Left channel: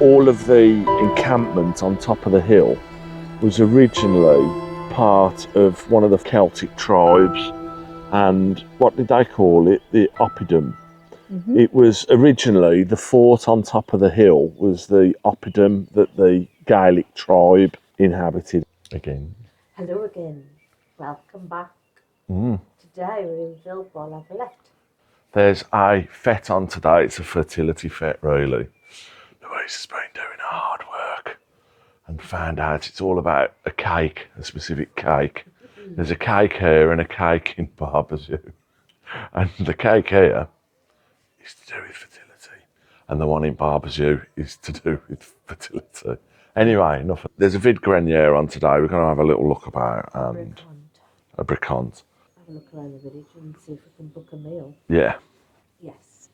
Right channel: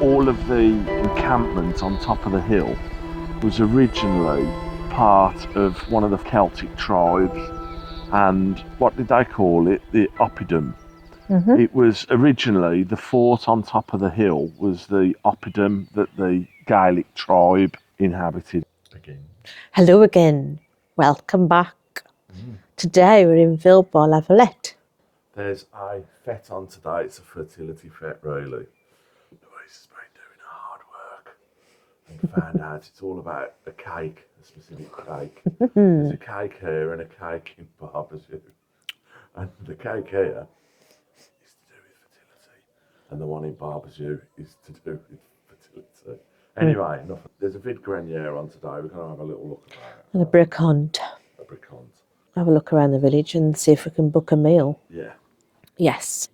all of the encampment on top of the hill was originally part of one of the Celtic tribes, and what did they call it? The oppidum. Mm-hmm. It was originally the fort on top of the hill was the oppidum that the Gaelic tribe inhabited. Again. Hello again. Welcome back. Today we're in Villebois Lavalette. There's a fête on today. It's a fertility fête, really. Louise has been doing hard work and found out it's all about a cake, a specific cake. There's a cake here and a cake in Barbazoo. And the cake here is to do with fertility, and the one in Barbazoo is to do with fertility. Anyway, enough. There's a vide grenier on today. We're going to have a little look about A bricante. A bricante. Have a look around the village and see if we can book a meal. Yeah. Yes.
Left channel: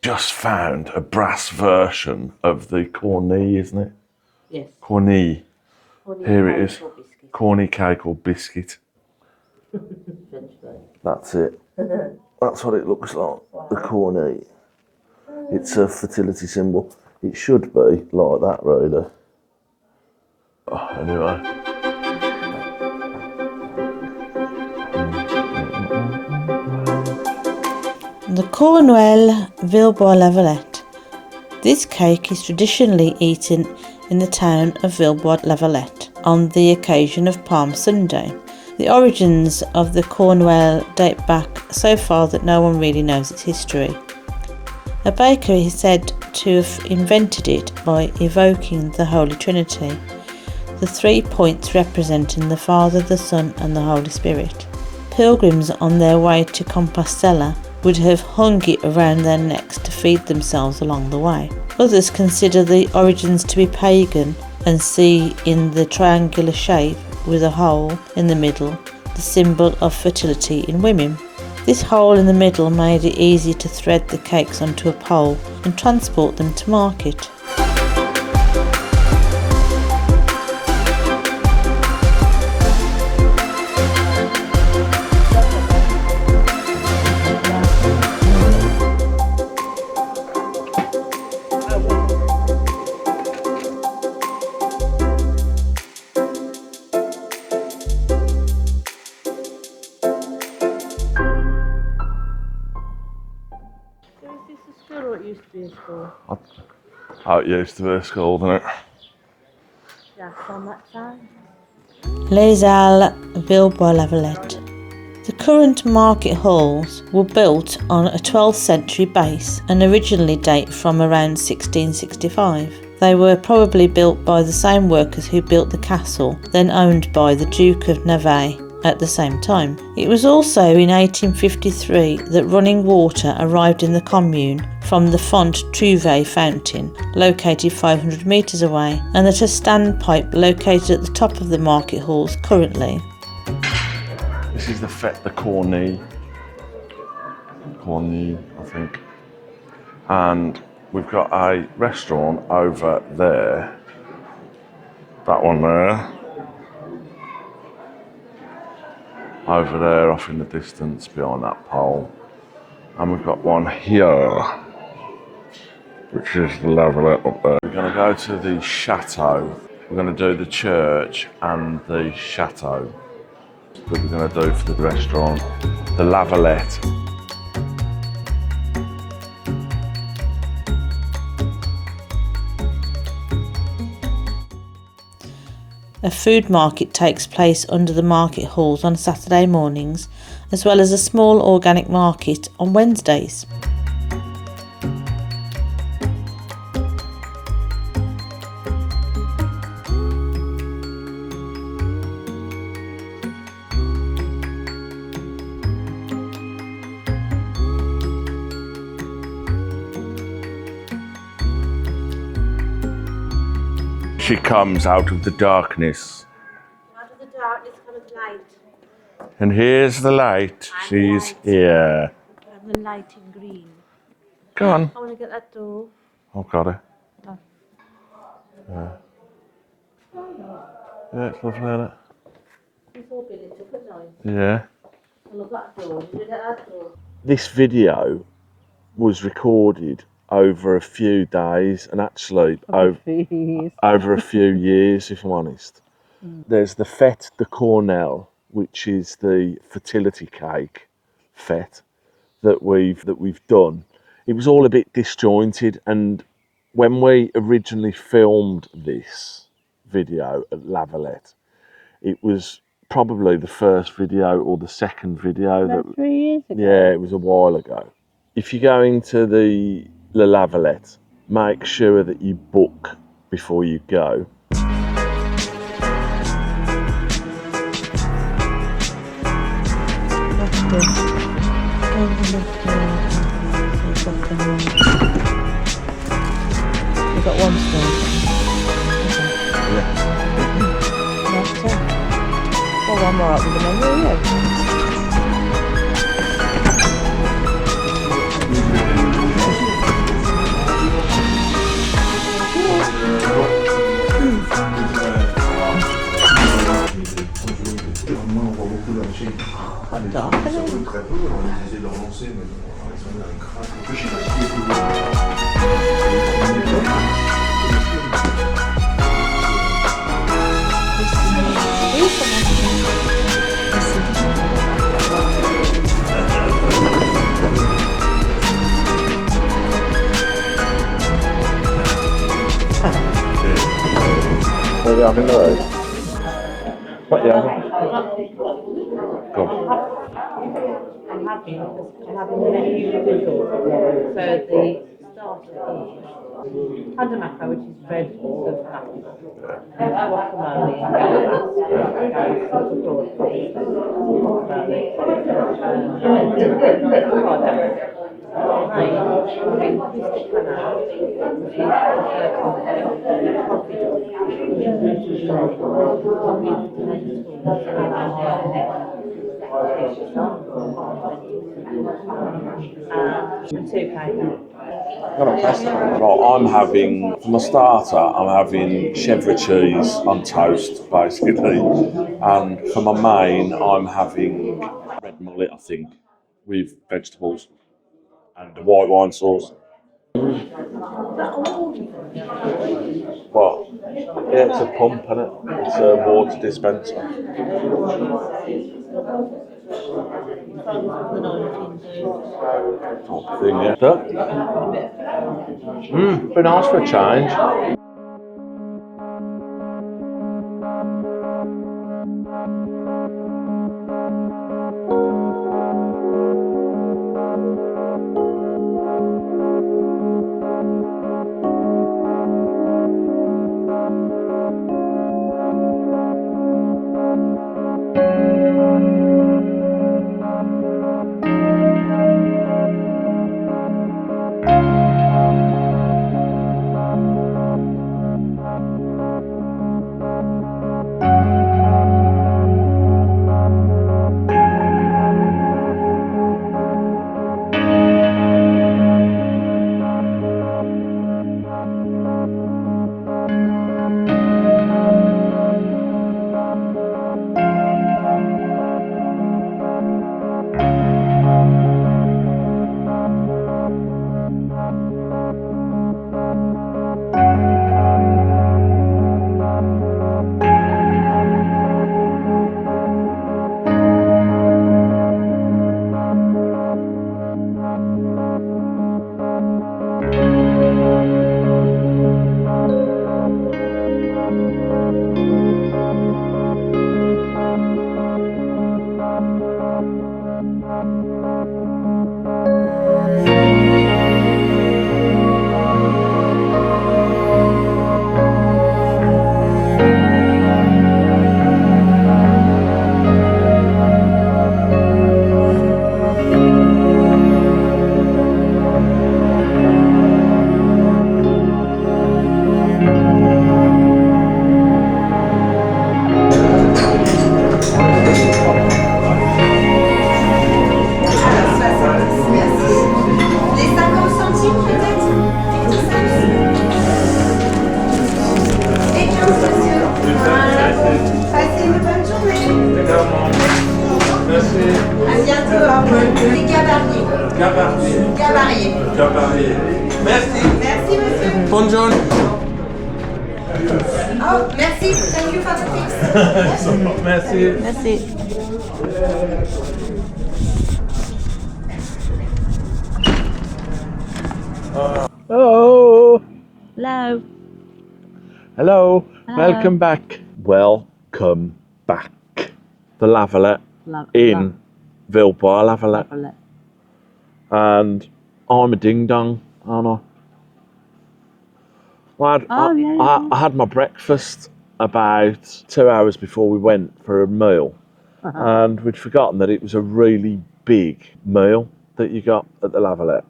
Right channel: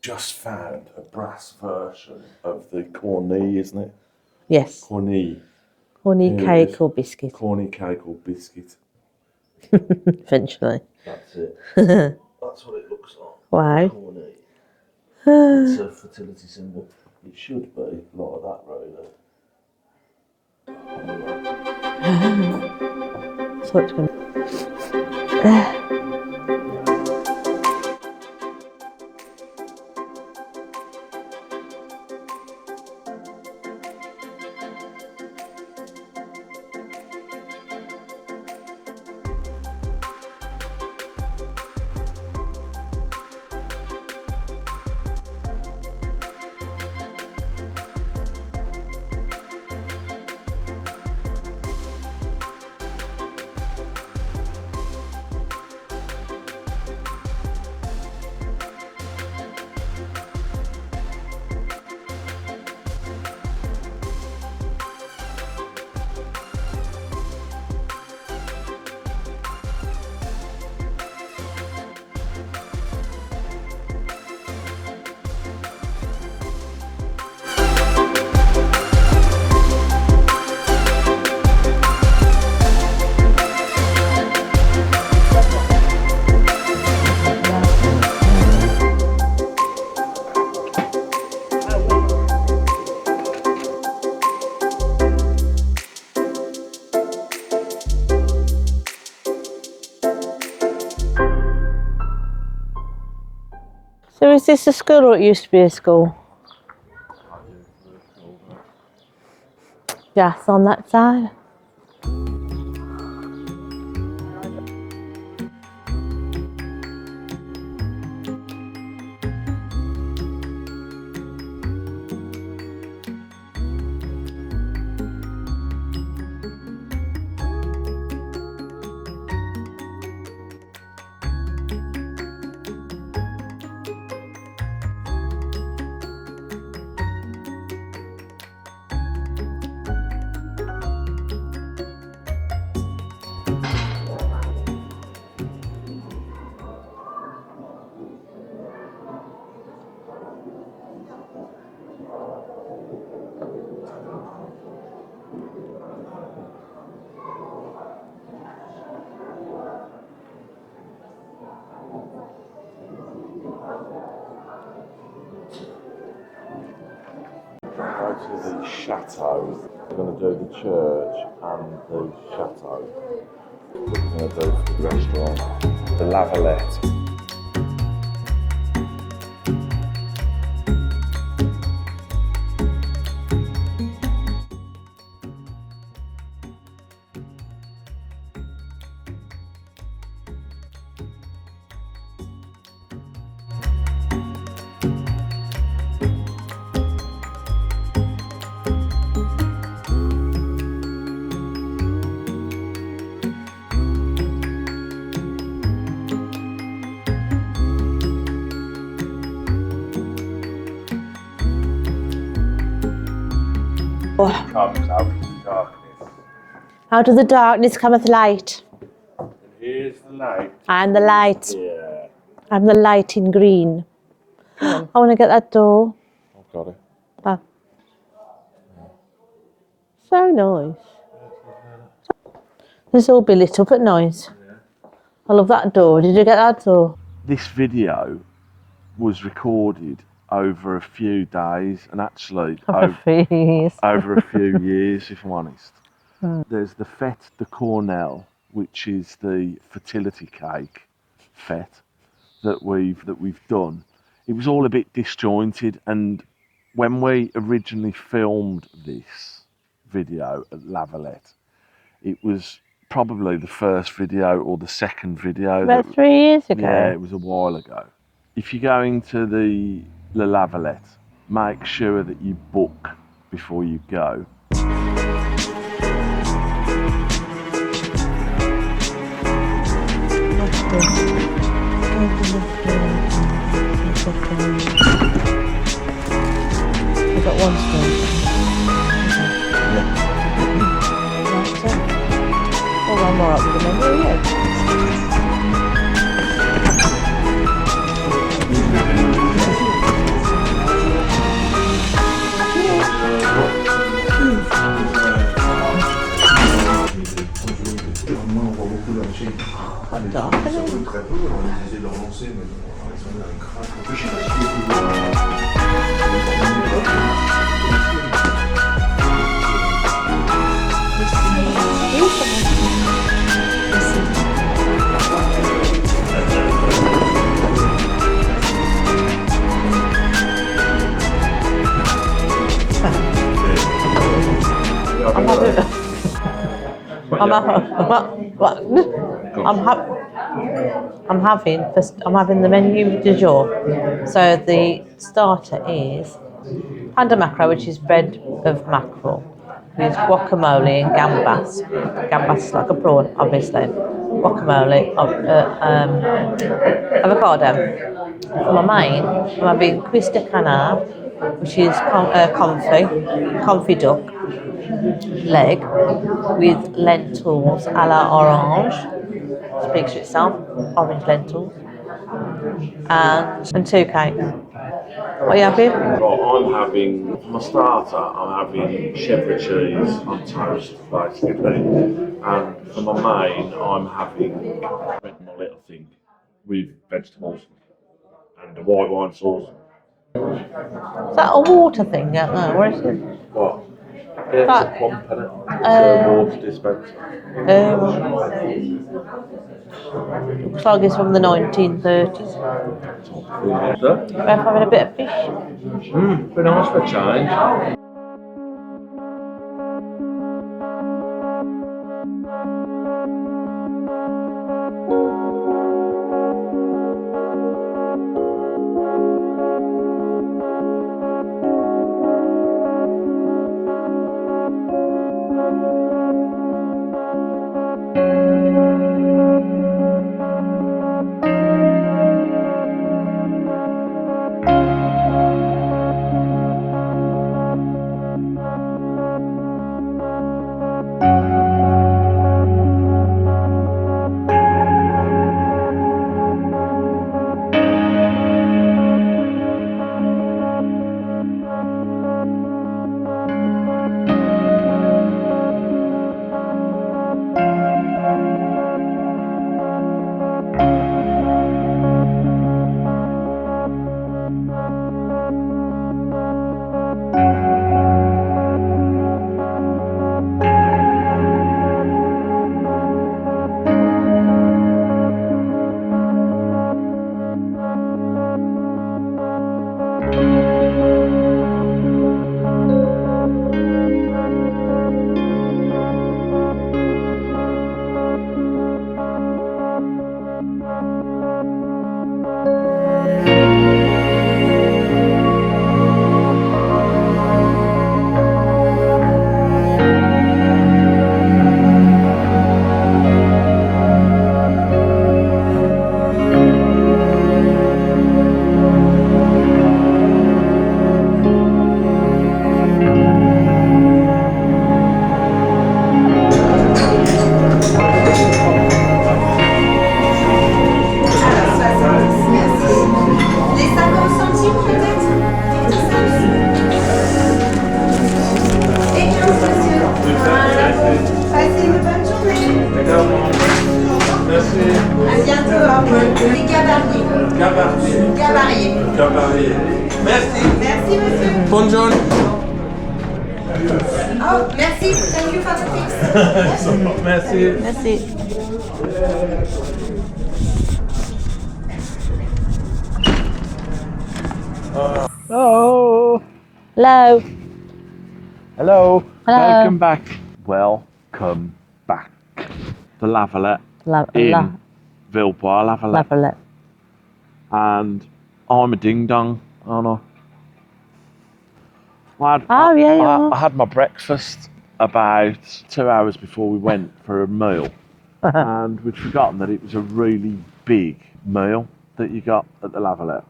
Just found a brass version of the corny, isn't it? Yes. Corny. Corny cake or biscuit. Corny cake or biscuit. Eventually. That's it. That's what it looks like. Wow. The corny. It's a fertility symbol. It should be like that, really. Oh, anyway. So it's going The Cornuelle Villebois Lavalette. This cake is traditionally eaten in the town of Villebois Lavalette on the occasion of Palm Sunday. The origins of the Cornuelle date back so far that no one really knows its history. A baker is said to have invented it by evoking the Holy Trinity, the 3 points representing the Father, the Son and the Holy Spirit. Pilgrims on their way to Compostelle would have hung it around their necks to feed themselves along the way. Others consider the origins to be pagan and see in the triangular shape with a hole in the middle the symbol of fertility in women. This hole in the middle made it easy to thread the cakes onto a pole and transport them to market. So is this a school or it used to be a school? Oh, it used to be a school, didn't it? Yes, on that side. Les Halles Villebois Lavalette. The current market halls were built on a 12th century base and originally date from around 1665. They were probably built by the same workers who built the castle, then owned by the Duke of Navarre at the same time. It was also in 1853 that running water arrived in the commune from the Font Trouvé fountain, located 500 metres away, and that a standpipe located at the top of the market halls currently. This is the Fête, the corny, I think. And we've got a restaurant over there. That one there. Over there, off in the distance, behind that pole. And we've got one here, which is the Lavalette up there. We're going to go to the chateau. We're going to do the church and the chateau. That we're going to do for the restaurant, the Lavalette. A food market takes place under the market halls on Saturday mornings, as well as a small organic market on Wednesdays. She comes out of the darkness. Out of the darkness cometh light. And here's the light. I'm the light. Yeah. I'm the light in green. Go on. I want to get that door. I've got it. Oh. Yeah. So nice. Yeah, it's lovely, isn't it? This all be lit up at night. Yeah. I love that door. Did you get that door? This video was recorded over a few days, and actually Please. over a few years, if I'm honest. There's the Fête de Cornuelle, which is the fertility cake fête that we've done. It was all a bit disjointed, and when we originally filmed this video at Lavalette, it was probably the first video or the second video. About 3 years ago. Yeah, it was a while ago. If you're going to the Lavalette, make sure that you book before you go. We've got one still. Yeah. Well, I'm alright with the menu, yeah. I'm having the menu du jour. So the starter is panda macro, which is bread of mackerel, with guacamole and gambas. Gambas is like a prawn, obviously. Guacamole, avocado. For my main, I'm having cuisse de canard, which is confit duck leg with lentils a la orange. Speaks for itself, orange lentils, and 2 cakes. What are you having? Right, I'm having, for my starter, I'm having chèvre cheese on toast, basically. And for my main, I'm having red mullet, I think, with vegetables and a white wine sauce. Is that a water thing out there? Where is it? What? Yeah, it's a pump, isn't it? It's a water dispenser. Looks like it's from the 1930s. Yeah. We're having a bit of fish. Be nice for a change. À bientôt, au revoir. C'est Gabarier. Gabarier. Merci. Merci, monsieur. Buongiorno. Oh, merci. Thank you for the tips. Merci. Merci. Oh, Hello. hello. Hello. Welcome back. Welcome back. The Lavalette in Villebois Lavalette. Lavalette. And I'm a ding dong, aren't I? I had my breakfast about 2 hours before we went for a meal, and we'd forgotten that it was a really big meal that you got at the Lavalette.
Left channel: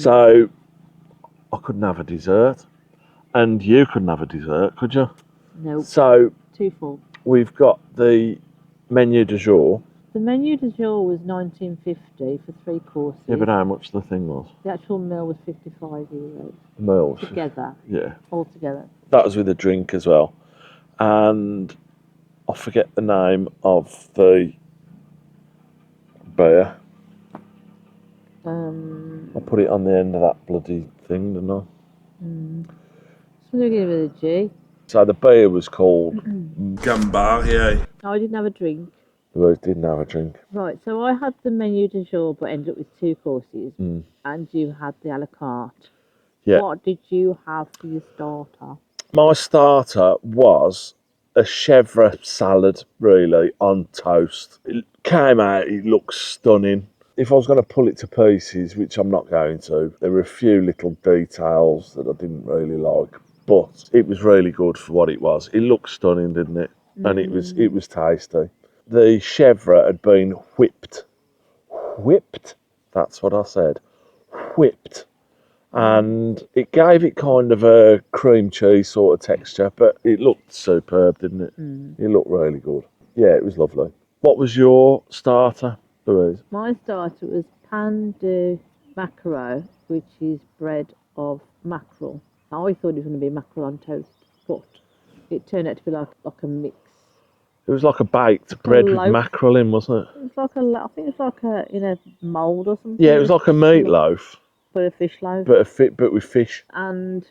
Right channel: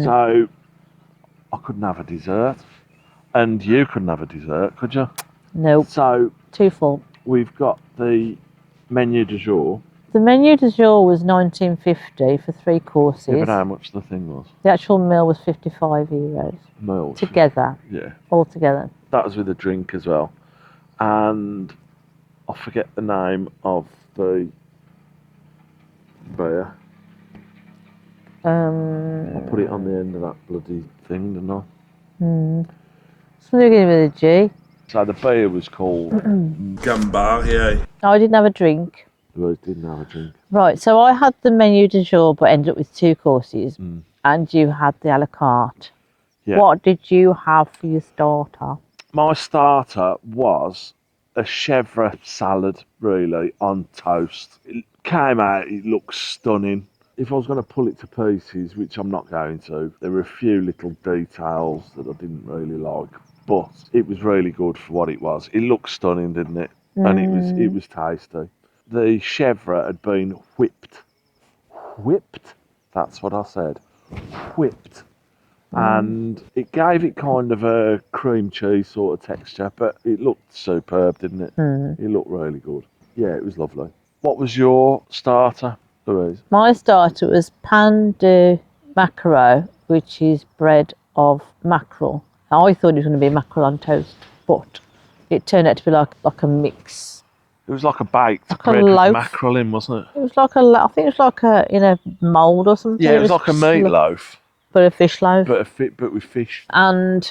So I couldn't have a dessert, and you couldn't have a dessert, could you? Nope. So Too full. we've got the menu du jour. The menu du jour was $19.50 for 3 courses. Yeah, but how much the thing was? The actual meal was €55 The meal. together, Yeah. all together. That was with a drink as well. And I forget the name of the beer. I put it on the end of that bloody thing, didn't I? Something beginning with a G. So the beer was called Gambari. I didn't have a drink. Rose didn't have a drink. Right, so I had the menu du jour, but ended up with 2 courses, and you had the a la carte. Yeah. What did you have for your starter? My starter was a chèvre salad, really, on toast. It came out, it looked stunning. If I was going to pull it to pieces, which I'm not going to, there were a few little details that I didn't really like, but it was really good for what it was. It looked stunning, didn't it? And it was tasty. The chèvre had been whipped. Whipped? That's what I said. Whipped. And it gave it kind of a cream cheese sort of texture, but it looked superb, didn't it? It looked really good. Yeah, it was lovely. What was your starter, Louise? My starter was pain de maquereau, which is bread of mackerel. I thought it was going to be mackerel on toast, but it turned out to be like a mix. It was like a baked Like a bread with loaf. mackerel in, wasn't it? It was like I think it was like a in a mould or something. Yeah, it was like a meatloaf, but a fish loaf. but with fish. And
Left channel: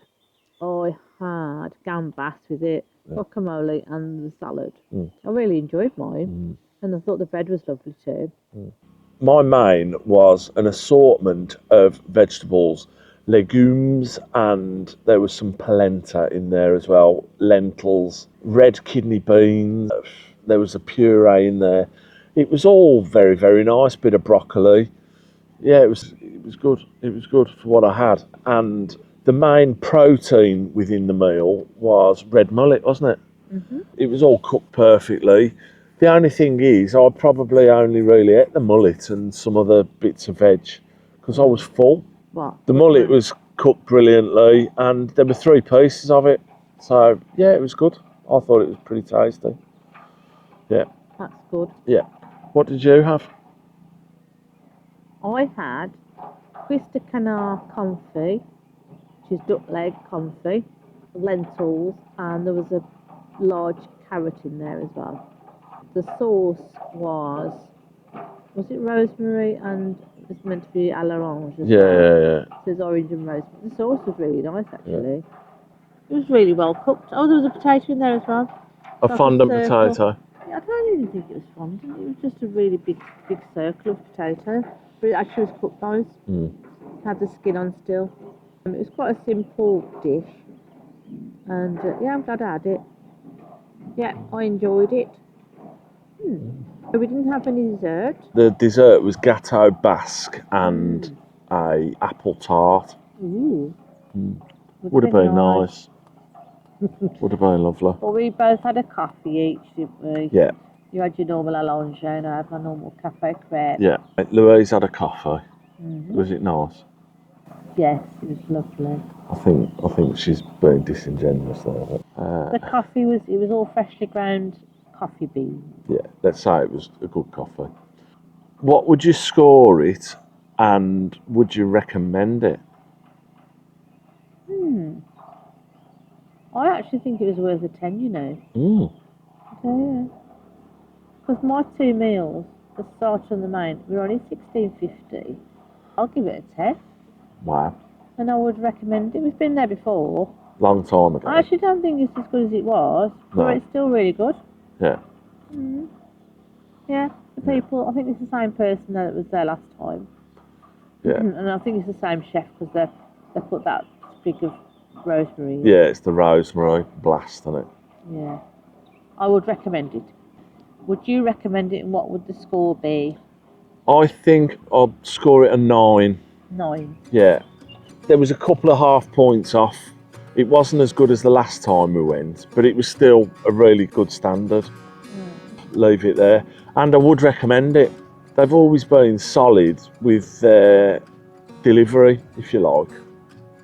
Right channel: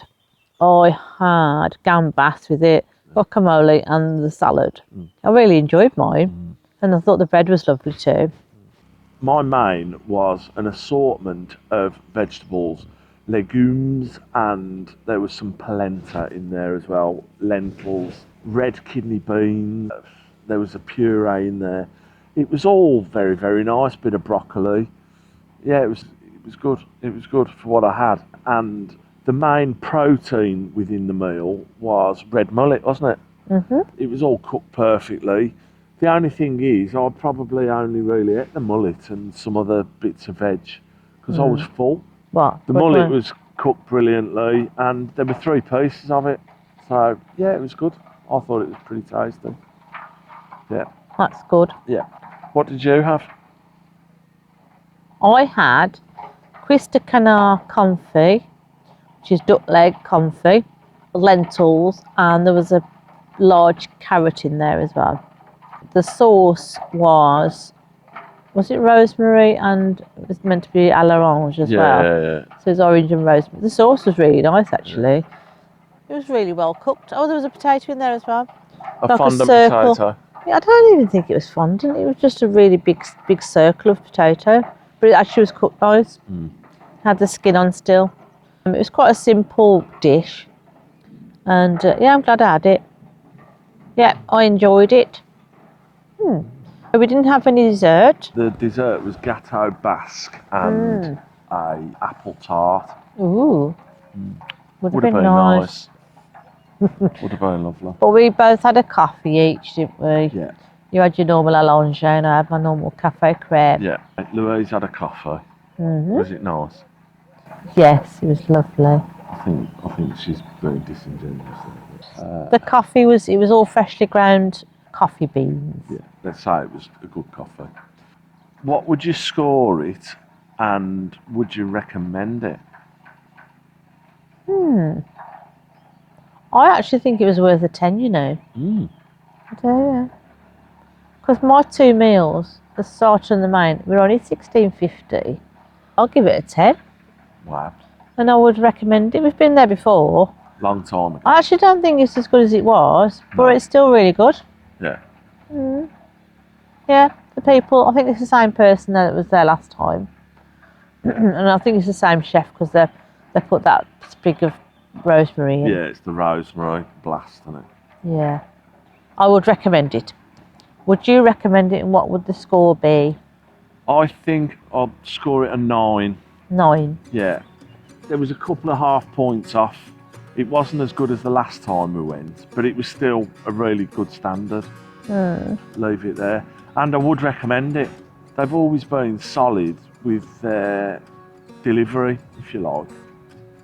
I had gambas with it, guacamole, and the salad. I really enjoyed mine, and I thought the bread was lovely too. My main was an assortment of vegetables, legumes, and there was some polenta in there as well, lentils, red kidney beans, there was a puree in there. It was all very, very nice, bit of broccoli. Yeah, it was good. It was good for what I had. And the main protein within the meal was red mullet, wasn't it? It was all cooked perfectly. The only thing is, I probably only really ate the mullet and some other bits of veg because I was full. What? The mullet was cooked brilliantly and there were 3 pieces of it. So, yeah, it was good. I thought it was pretty tasty. Yeah, That's good. yeah. What did you have? I had Quista canard confit, which is duck leg confit, lentils, and there was a large carrot in there as well. The sauce was it rosemary and it was meant to be à l'orange as well. Yeah. So it's orange and rosemary. The sauce was really nice actually. It was really well cooked. Oh, there was a potato in there as well. A fondant potato. Yeah, I don't even think it was fondant. It was just a really big circle of potato. But it actually was cooked nice. Had the skin on still. It was quite a simple dish. And yeah, I'm glad I had it. Yeah, I enjoyed it. We didn't have any dessert. The dessert was gâteau basque and a apple tart. Ooh. Would have been nice. Would have been lovely. But we both had a coffee each, didn't we? Yeah, You had your normal allonge and I had my normal cafe creme. yeah. Louise had a coffee. Was it nice? Yes, it was lovely. I think she's very disingenuous there. But, The coffee was all freshly ground coffee beans. yeah, let's say it was a good coffee. What would you score it, and would you recommend it? I actually think it was worth a 10, you know. I do, yeah. Because my 2 meals, the starter and the main, were only $16.50. I'll give it a 10. Wow. And I would recommend it. We've been there before. Long time ago. I actually don't think it's as good as it was, but No. it's still really good. Yeah. Yeah, the people, I think it's the same person that was there last time. Yeah. And I think it's the same chef because they put that sprig of rosemary in. Yeah, it's the rosemary blast on it. Yeah. I would recommend it. Would you recommend it, and what would the score be? I think I'll score it a 9. 9. Yeah. There was a couple of half points off. It wasn't as good as the last time we went, but it was still a really good standard. Leave it there. And I would recommend it. They've always been solid with their delivery, if you like.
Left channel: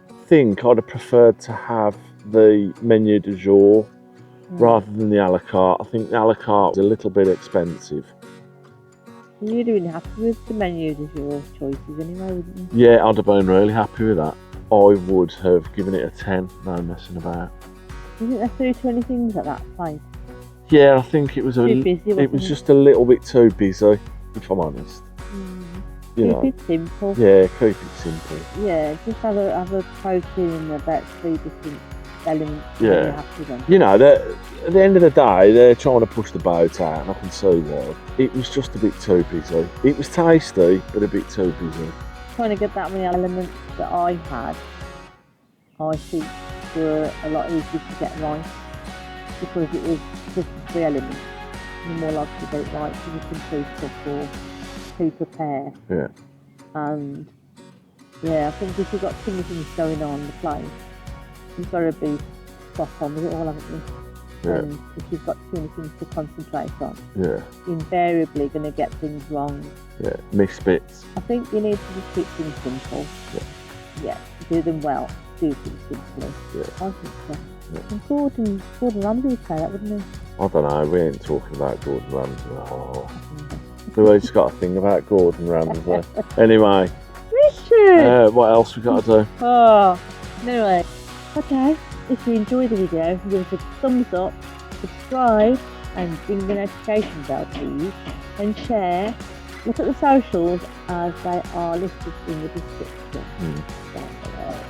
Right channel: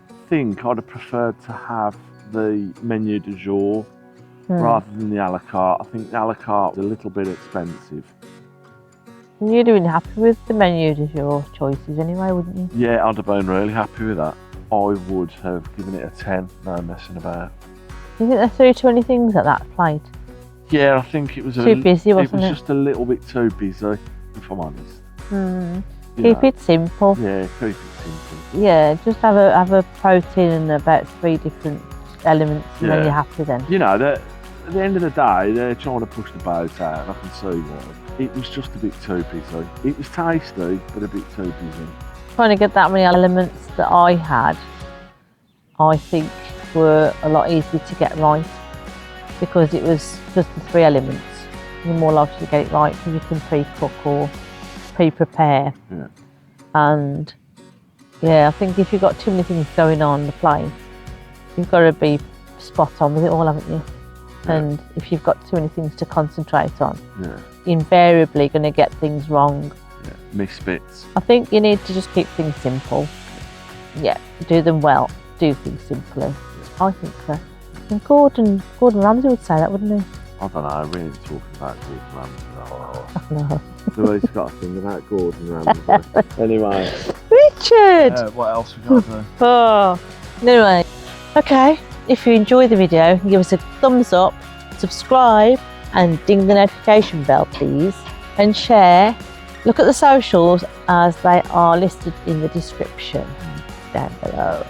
I think I'd have preferred to have the menu du jour rather than the a la carte. I think the a la carte is a little bit expensive. You'd have been happy with the menu du jour choices anyway, wouldn't you? Yeah, I'd have been really happy with that. I would have given it a 10, no messing about. Do you think they threw too many things at that plate? Yeah, I think it was Too busy, wasn't it was it? just a little bit too busy, if I'm honest. You Keep know. it simple. Yeah, keep it simple. Yeah, just have a protein and about 3 different elements, and then Yeah. you're happy then. You know, at the end of the day, they're trying to push the boat out, and I can see that. It was just a bit too busy. It was tasty, but a bit too busy. Trying to get that many elements that I had, I think were a lot easier to get right because it was just the 3 elements. You're more likely to get it right because you can pre-cook or pre-prepare. Yeah. And yeah, I think if you've got too many things going on the plate, you've got to be spot on with it all, haven't you? Yeah. And if you've got too many things to concentrate on, Yeah. invariably going to get things wrong. Yeah. Miss bits. I think you need to just keep things simple. Yeah, do them well. Do things simply. Yeah. I think so. And Gordon Ramsay would say that, wouldn't he? I don't know, we ain't talking about Gordon Ramsay that No. Who's got a thing about Gordon Ramsay? Anyway, Richard! what else we got to do? Oh. Anyway, okay. If you enjoyed the video, give us a thumbs up, subscribe, and ding the notification bell, please. And share. Look at the socials as they are listed in the description down below.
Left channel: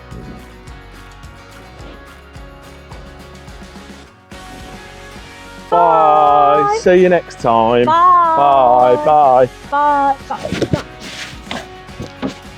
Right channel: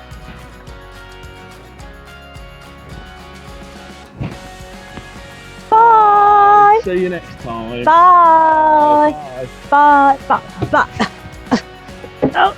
Bye. See you next time. Bye. Bye. Bye. Bye. Bye. Oh.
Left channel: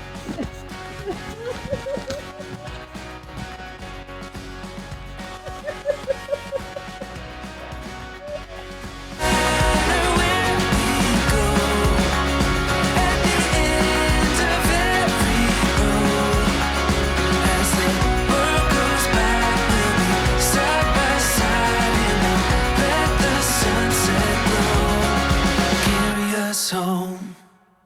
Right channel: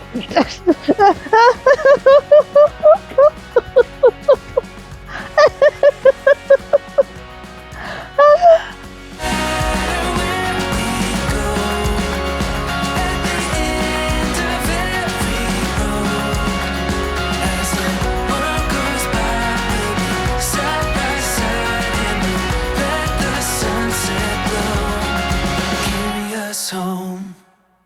Home.